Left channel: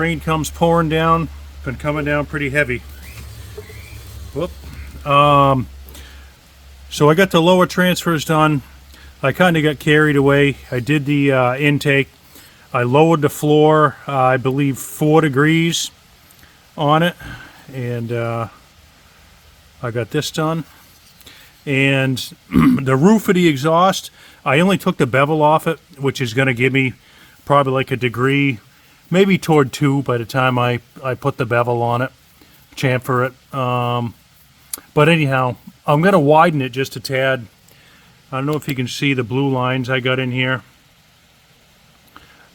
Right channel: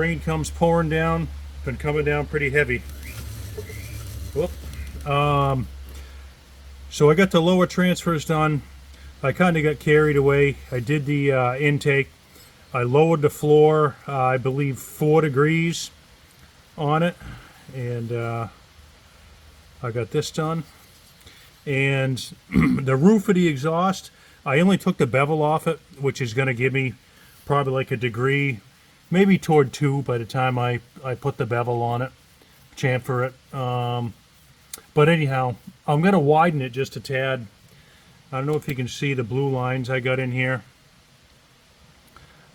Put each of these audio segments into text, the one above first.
Rain comes pouring down. Been coming down pretty heavy. Whoop. So I got the lower transfers done. I kind of got carried away. I did the intake. I lowered the floor, I believe 4 degrees on it, and I got this done. And the roof of the exhaust, I only took the bevel off it, which is going to give me probably like a degree, maybe toward 2 by the time I put the bevel on it, chamfer it. But anyhow, I'm going to widen it just a tad. I don't know if you can see the blue lines I got in here.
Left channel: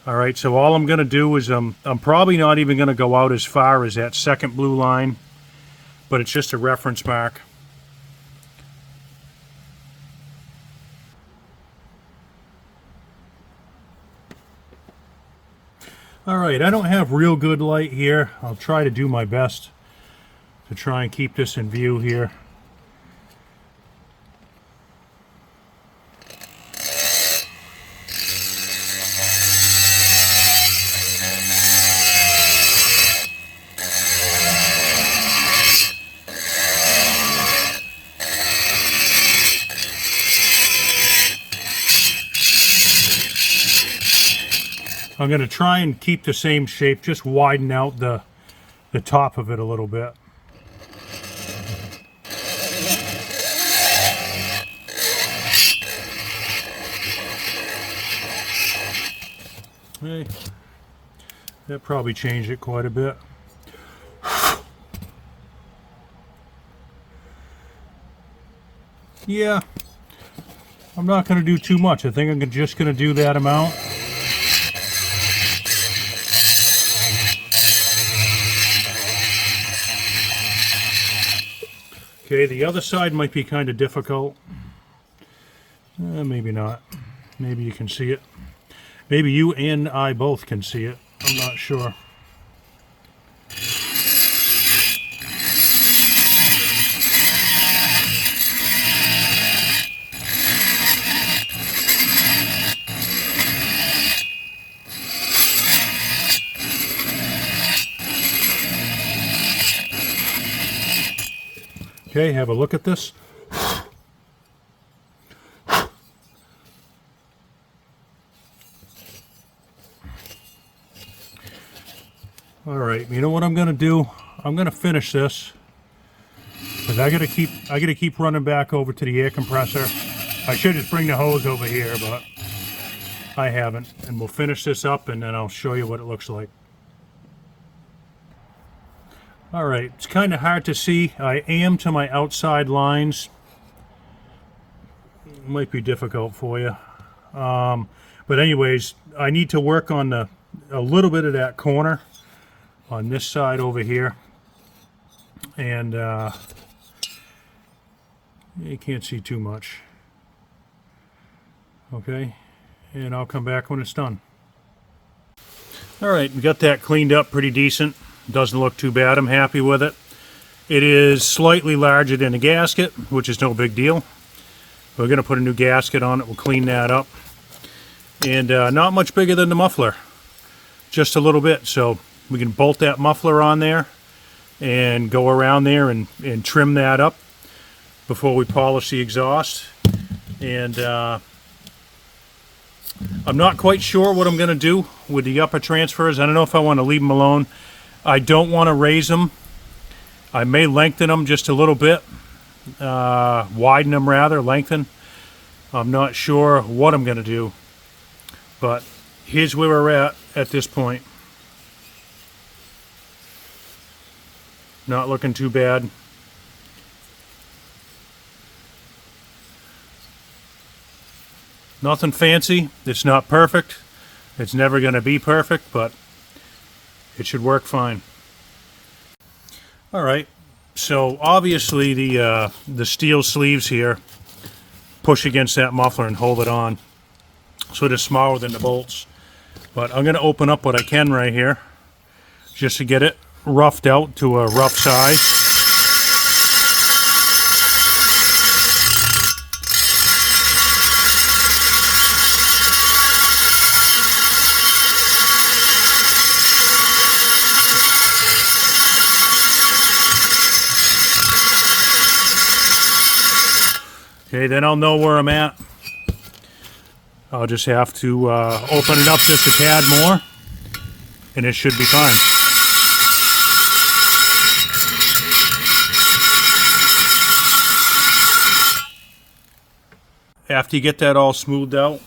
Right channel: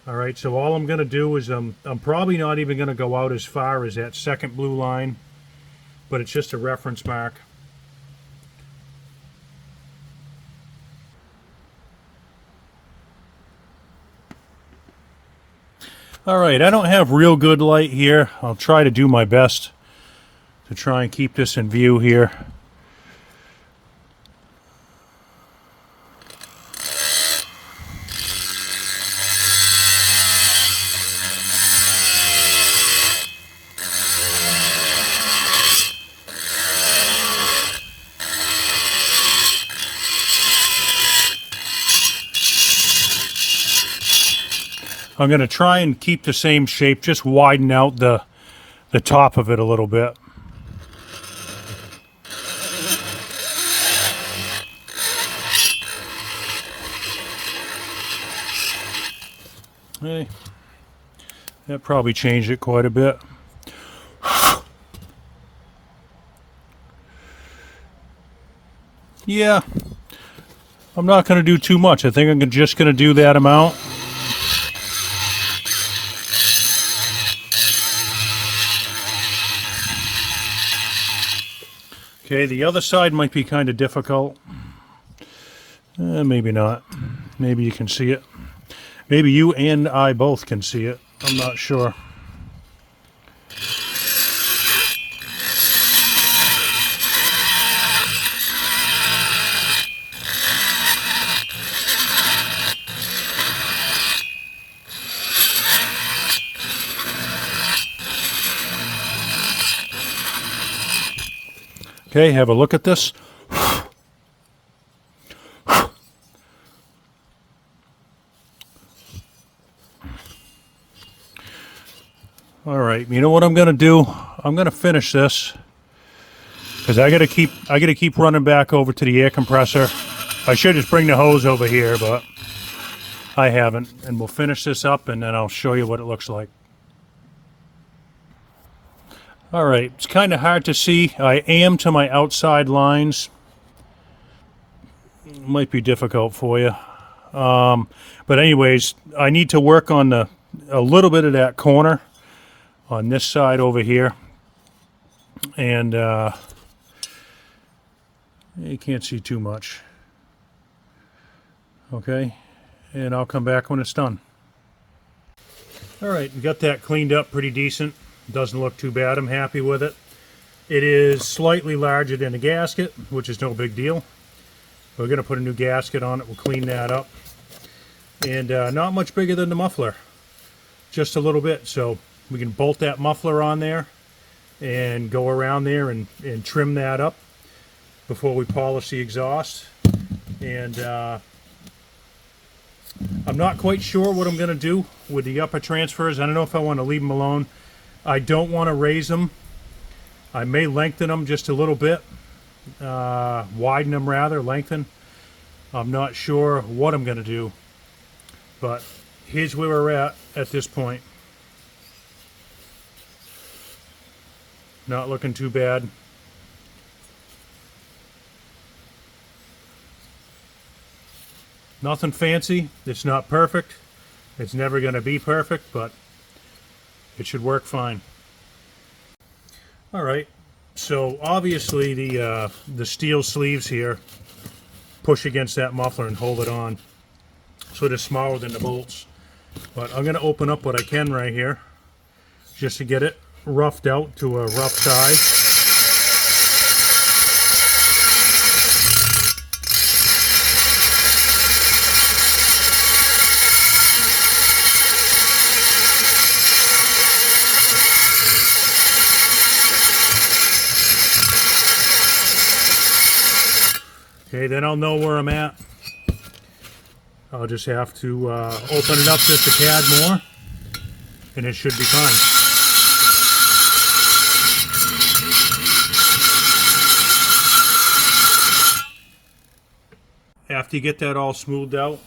All right, so all I'm going to do is I'm probably not even going to go out as far as that second blue line, but it's just a reference mark. All right, I don't have real good light here. I'll try to do my best to try and keep this in view here. I'm going to try and keep the same shape, just widen out the top of it a little bit. Okay. That probably changed it quite a bit. Yeah, I'm not going to do too much. I think I'm just going to do that amount. Okay, the other side might be kind of difficult. Maybe not. Maybe you can see it. Maybe you and I both can see it. I'm not sure. Okay, have a look at this. All right, you know what I'm going to do? I'm going to finish this because I got to keep running back over to the air compressor. I should just bring the hose over here, but I haven't. And we'll finish this up, and then I'll show you what it looks like. All right, it's kind of hard to see. I am to my outside lines. Might be difficult for you. But anyways, I need to work on a little bit of that corner on this side over here. And you can't see too much. Okay, and I'll come back when it's done. All right, we got that cleaned up pretty decent. Doesn't look too bad. I'm happy with it. It is slightly larger than the gasket, which is no big deal. We're going to put a new gasket on it. We'll clean that up. And not much bigger than the muffler. Just a little bit. So we can bolt that muffler on there and go around there and trim that up before we polish the exhaust. And I'm not quite sure what I'm going to do with the upper transfers. I don't know if I want to leave them alone. I don't want to raise them. I may lengthen them just a little bit. Widen them rather, lengthen. I'm not sure what I'm going to do. But here's where we're at this point. Not looking too bad. Nothing fancy. It's not perfect. It's never going to be perfect, but it should work fine. All right, so obviously the steel sleeves here push against that muffler and hold it on, so it is smaller than the bolts. But I'm going to open up what I can right here just to get it roughed out to a rough size. Okay, then I'll know where I'm at. I'll just have to open it up just a tad more, and it should be fine. After you get that all smoothed out,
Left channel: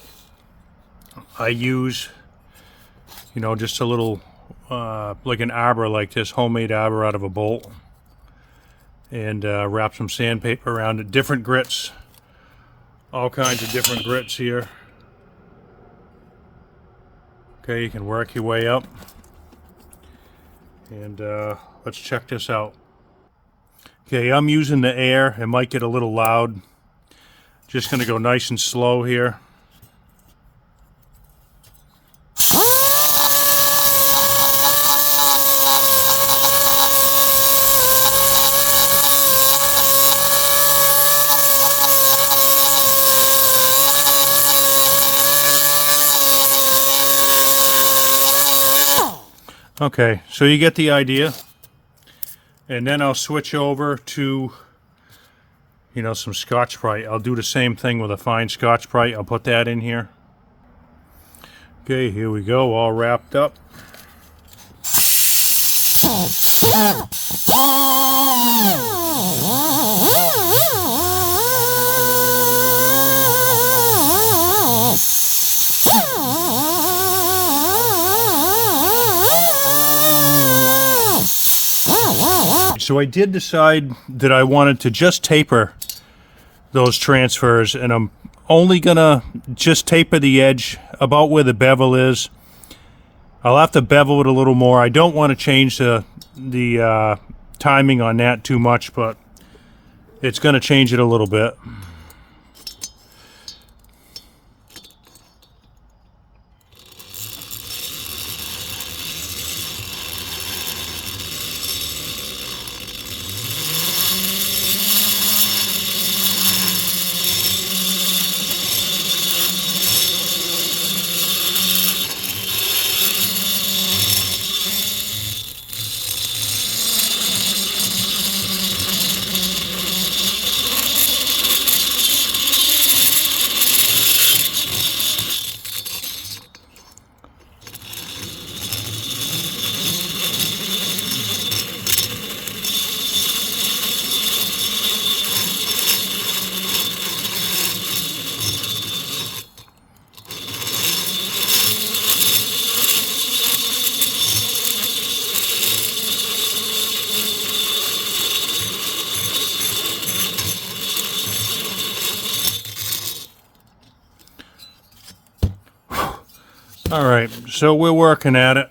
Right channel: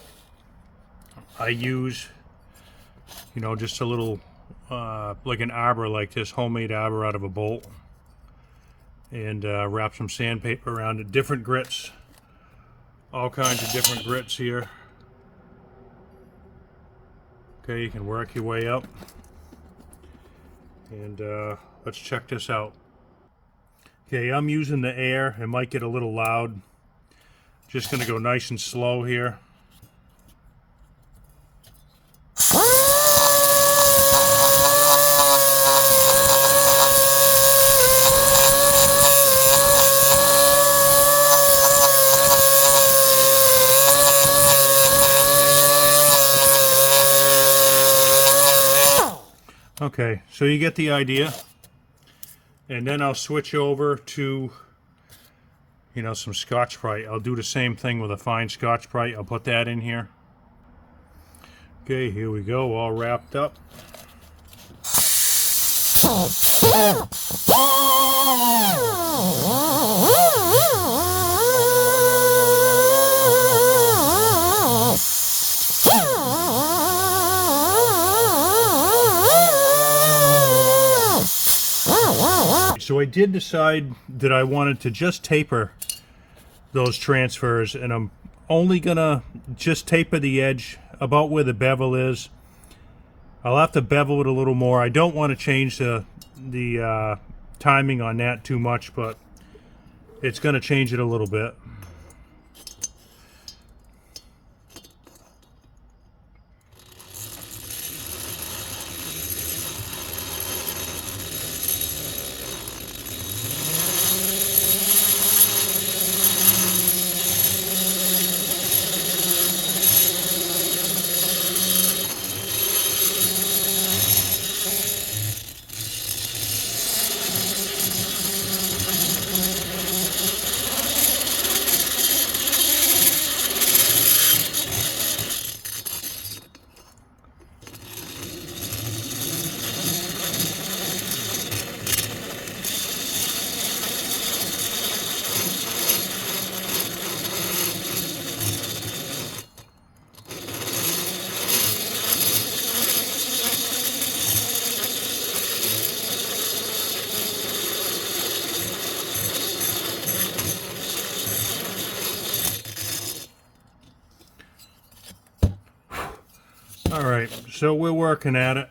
I use, you know, just a little, like an arbor like this, homemade arbor out of a bolt. And wrap some sandpaper around it. Different grits. All kinds of different grits here. Okay, you can work your way up. And let's check this out. Okay, I'm using the air. It might get a little loud. Just going to go nice and slow here. Okay, so you get the idea. And then I'll switch over to, you know, some Scotch-Brite. I'll do the same thing with a fine Scotch-Brite. I'll put that in here. Okay, here we go, all wrapped up. So I did decide that I wanted to just taper those transfers, and I'm only gonna just taper the edge about where the bevel is. I'll have to bevel it a little more. I don't want to change the timing on that too much, but it's gonna change it a little bit. All right, so we're working at it.